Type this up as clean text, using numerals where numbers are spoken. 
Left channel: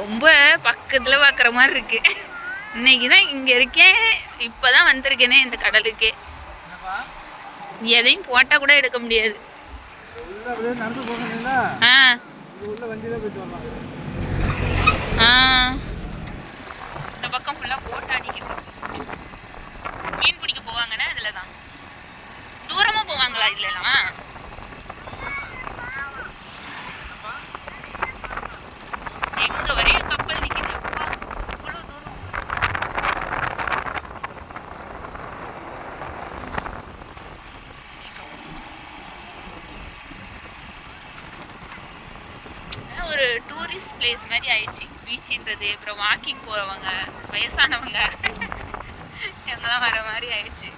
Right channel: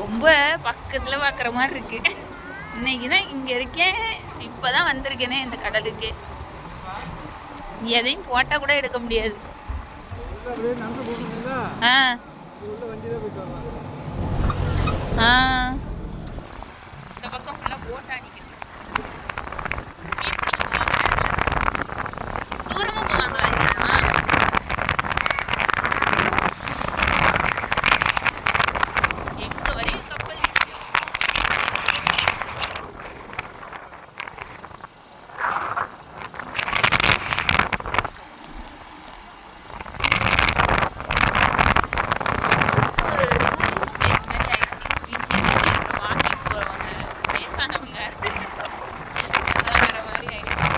ரொம்ப பக்கத்துல பாக்குற மாதிரி இருக்கு. இன்னைக்குதான் இங்க இருக்கேன், இப்பதான் வந்திருக்கேனே இந்த கடலுக்கே. எதையும் போட்டா கூட எடுக்க முடியாது. இந்த பக்கம் ஃபுல்லா போட் அடிக்குது. மீன் பிடிக்க போவாங்கன்னா இதுலதான். தூரமா போவாங்களா இதெல்லாம்? எங்க வரையும் கப்பல் நிக்குது. ஒரு டூரிஸ்ட் பிளேஸ் மாதிரி ஆயிடுச்சு பீச்சுன்றது. அப்புறம் வாக்கிங் போறவங்க, வயசானவங்க எல்லாம் வர மாதிரி ஆயிடுச்சு.